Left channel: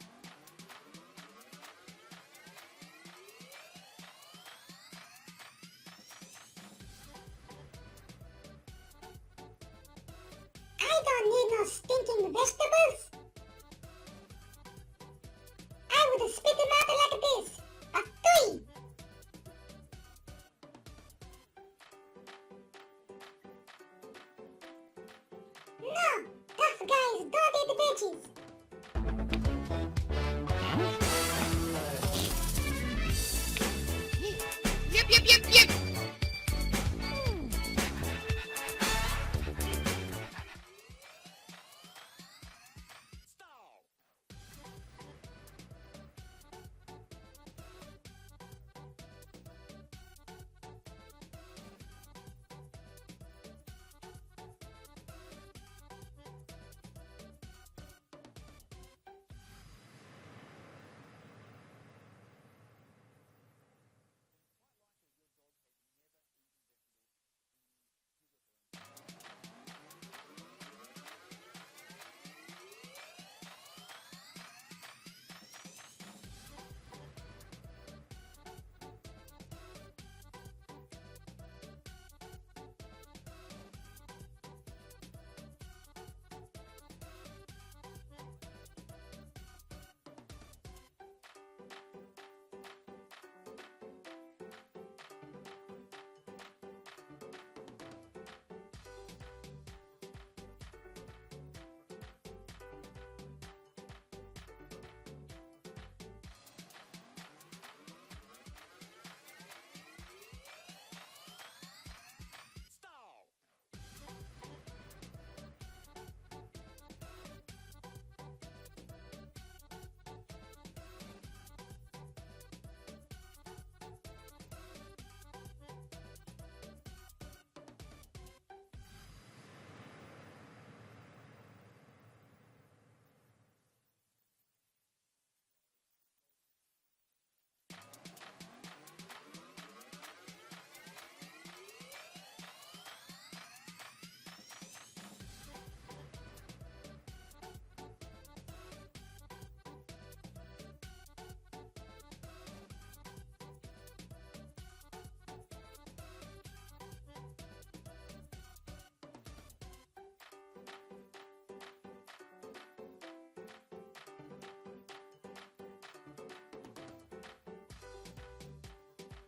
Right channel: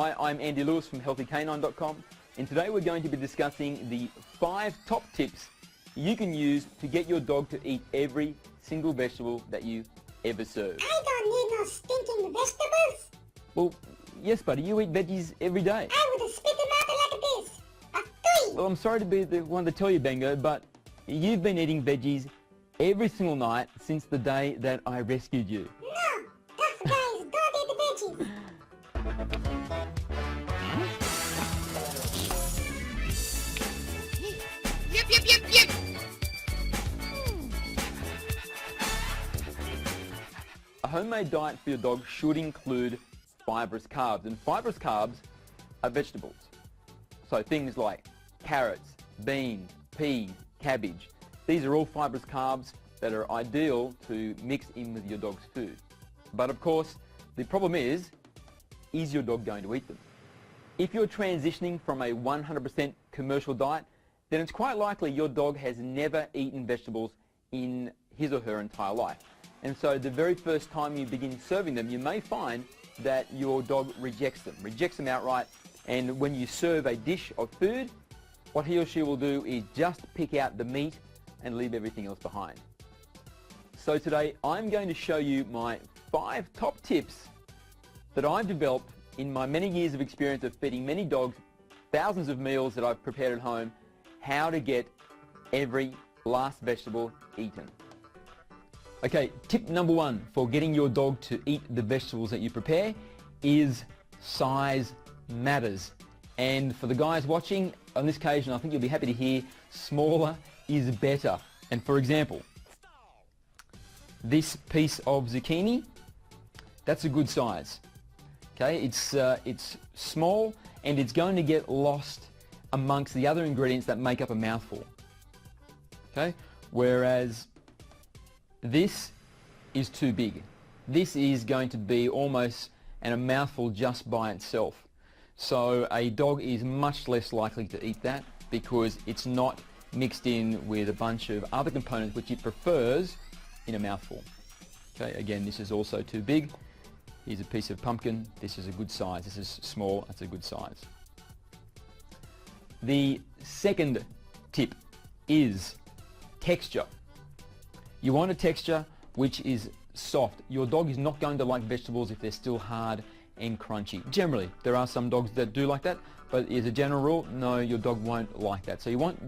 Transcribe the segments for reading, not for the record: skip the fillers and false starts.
Hi, I'm Andy Lewis from healthycanine.com, and today we're going to be discussing the 5 top tips you can use to get your dog to eat every single vegetable that you ever serve. I don't need no stinking vegetables. Well, yes buddy, you eat veggies every day. I would spit them out like this. Well, I'm sorry to be the one to tell you, Bengo, but you've been eating veggies every single night since the day that I rescued you. No, tough guys don't eat veggies. Yep. A homemade diet for your dog should include fibrous carbs, and fibrous carbs are vegetables. So things like carrots, beans, peas, cabbage. These are all fibrous carbs that are ideal to mix in with your dog's food. But of course, the problem is your dog going to eat them? If you're transitioning from a 100% commercial diet, then it's quite likely your dog has never eaten vegetables in his or her entire life. And so the very first time you begin serving them, you may find that your dog rejects them outright, and when you serve a dish of food, what he or she will do is just pick out the meat and leave everything else behind. So today I'm going to show you my 5 top tips that I've developed in my many years of experience of feeding many dogs, thousands of meals that I've prepared at home, how to get every last vegetable eaten. Okay, tip number 1 for getting your dog to eat the vegetables that you prepare is size matters. And for the guys watching, on this occasion I think you'll be happy to hear smaller is better. And for example, this piece of zucchini, that's a good size. Okay, it's small and it's going to get lost amongst the other ingredients that make up a mouthful. Okay, whereas this is too big. This is going to be almost a mouthful just by itself. So a dog is much less likely to eat that because it's not mixed in with a bunch of other components which it prefers in a mouthful. Okay, again, this is also too big. Here's a piece of pumpkin. This is a good size. This is small. That's a good size. The second tip is texture. You want a texture which is soft. Your dog is not going to like vegetables if they're still hard and crunchy. Generally, there are some dogs that do like that, but as a general rule, no, your dog won't like that. So you want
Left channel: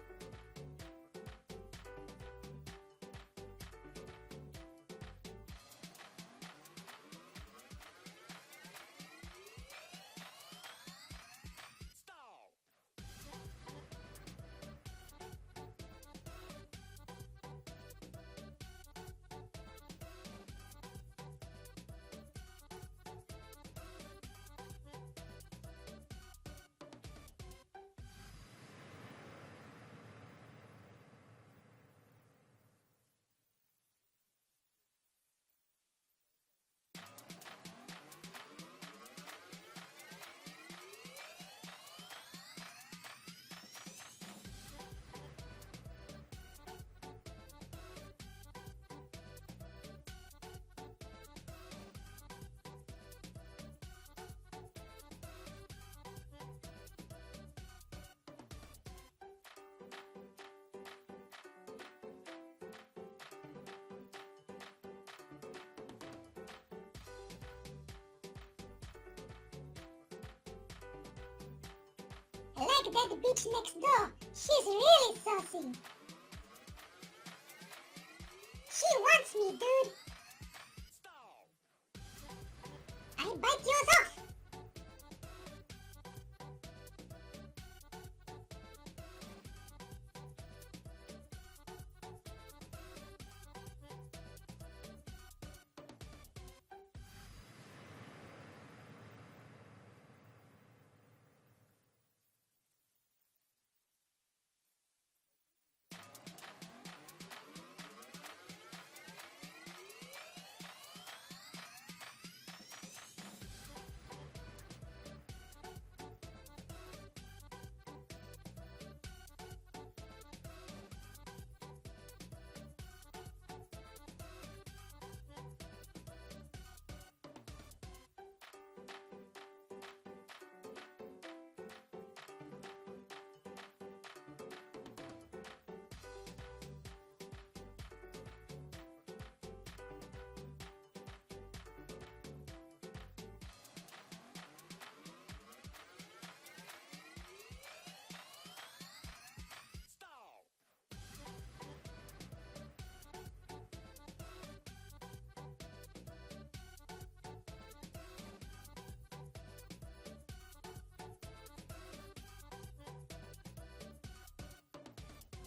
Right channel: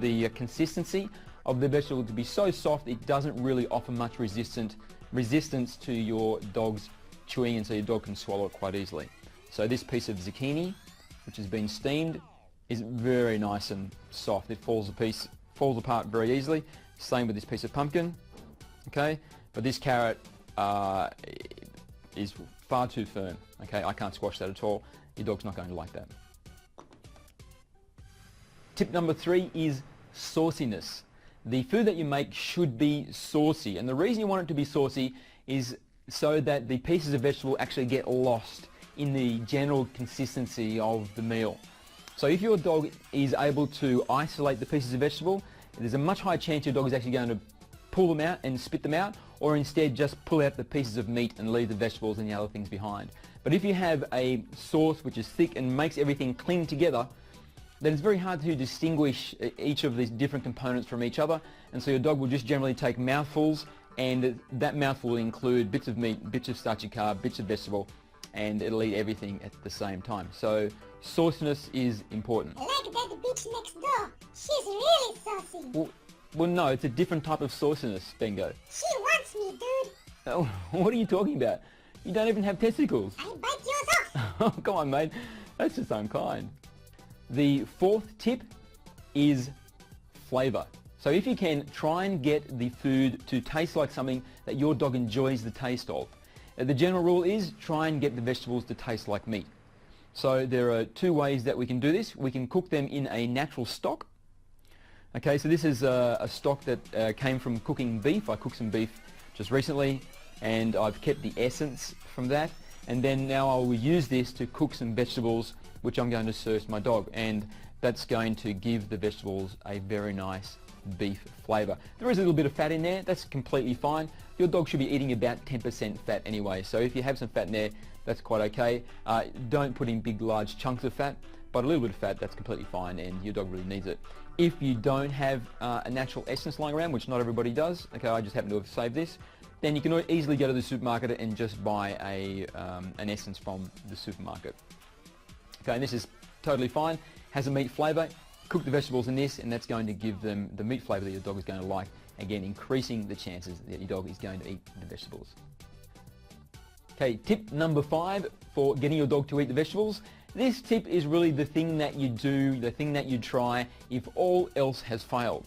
the consistency of the vegetable to be so soft it doesn't really offer much resistance to your dog's chewing, and so your dog can swallow it quite easily. So this piece of zucchini, which has been steamed, is very nice and soft. It falls apart very easily. Same with this piece of pumpkin. Okay, but this carrot is far too firm. Okay, I can't squash that at all. Your dog's not going to like that. Tip number 3 is sauciness. The food that you make should be saucy, and the reason you want it to be saucy is so that the pieces of vegetable actually get lost in the general consistency of the meal. So if your dog is able to isolate the pieces of vegetable, there's a much higher chance your dog is actually going to pull them out and spit them out, or instead just pull out the pieces of meat and leave the vegetables and the other things behind. But if you have a sauce which is thick and makes everything cling together, then it's very hard to distinguish each of these different components from each other, and so your dog will just generally take mouthfuls, and that mouthful will include bits of meat, bits of starchy carb, bits of vegetable, and it'll eat everything at the same time. So sauciness is important. Like that bitch next door. She's really saucy. Well, no, it's a different type of sauciness, Bengo. She wants me, dude. Oh, what are you talking about? You don't even have testicles. I bite yours off. Oh, come on, mate. That's just unkind. The 4th tip is flavor. So if you can, try and get the food to taste like something that your dog enjoys the taste of. The general rule is try and get the vegetables to taste like meat. So there are 2 ways that we can do this. We can cook them in a natural stock. Okay, so this is a stock that came from cooking beef. I cooked some beef just recently, and I've kept the essence from that. And then now I will use this to cook some vegetables, which I'm going to serve to my dog. And that's going to give the vegetables a very nice beef flavour. There is a little bit of fat in there, that's completely fine. Your dog should be eating about 10% fat anyway, so if you have some fat in there, that's quite okay. Don't put in big large chunks of fat, but a little bit of fat, that's completely fine, and your dog really needs it. If you don't have a natural essence lying around, which not everybody does, okay, I just happen to have saved this, then you can easily go to the supermarket and just buy an essence from the supermarket. Okay, and this is totally fine, has a meat flavour. Cook the vegetables in this, and that's going to give them the meat flavour that your dog is going to like, again increasing the chances that your dog is going to eat the vegetables. Okay, tip number 5 for getting your dog to eat the vegetables. This tip is really the thing that you do, the thing that you try if all else has failed.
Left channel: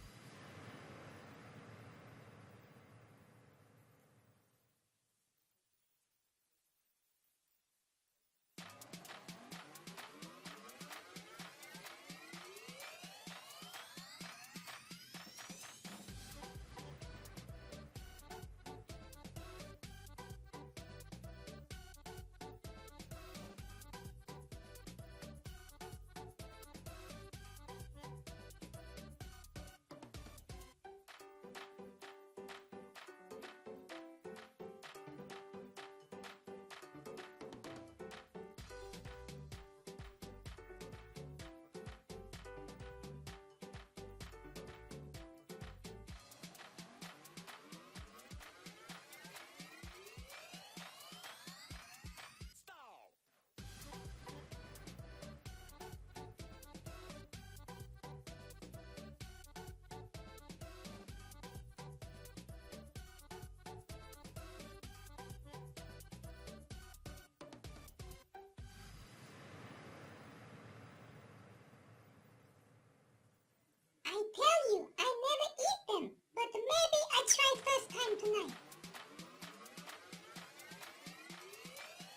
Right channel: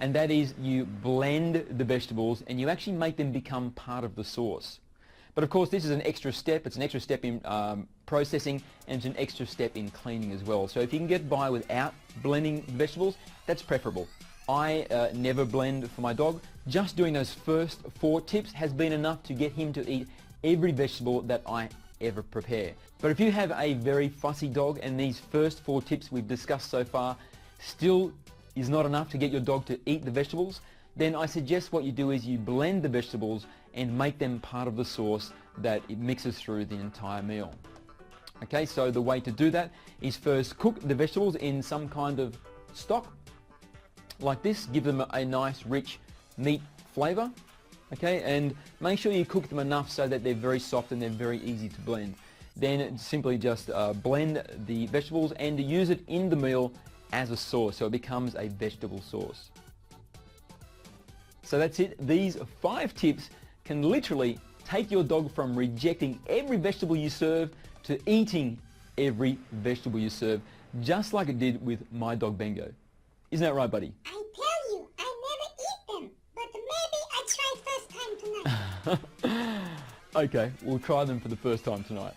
And that is you blend the vegetables and you actually make them become part of the sauce. But of course this is an extra step, it's an extra step in processing, and it's an extra step in cleaning as well. So if you can get by without blending vegetables, that's preferable. I never blend for my dog. Just doing those first 4 tips has been enough to get him to eat every vegetable that I ever prepare. But if you have a very fussy dog and these first 4 tips we've discussed so far still is not enough to get your dog to eat the vegetables, then I suggest what you do is you blend the vegetables and make them part of the sauce that it mixes through the entire meal. Okay, so the way to do that is first cook the vegetables in some kind of stock like this, give them a nice rich meat flavour, okay, and make sure you cook them enough so that they're very soft and they're very easy to blend. Then simply just blend the vegetables and use it in the meal as a sauce, so it becomes a vegetable sauce. So that's it. These 5 tips can literally take your dog from rejecting every vegetable you serve to eating every vegetable you serve, just like it did with my dog Bengo. Isn't that right, buddy? I tell you, I never eat them, but maybe I try first time tonight. Okay, we'll try them for the first time tonight.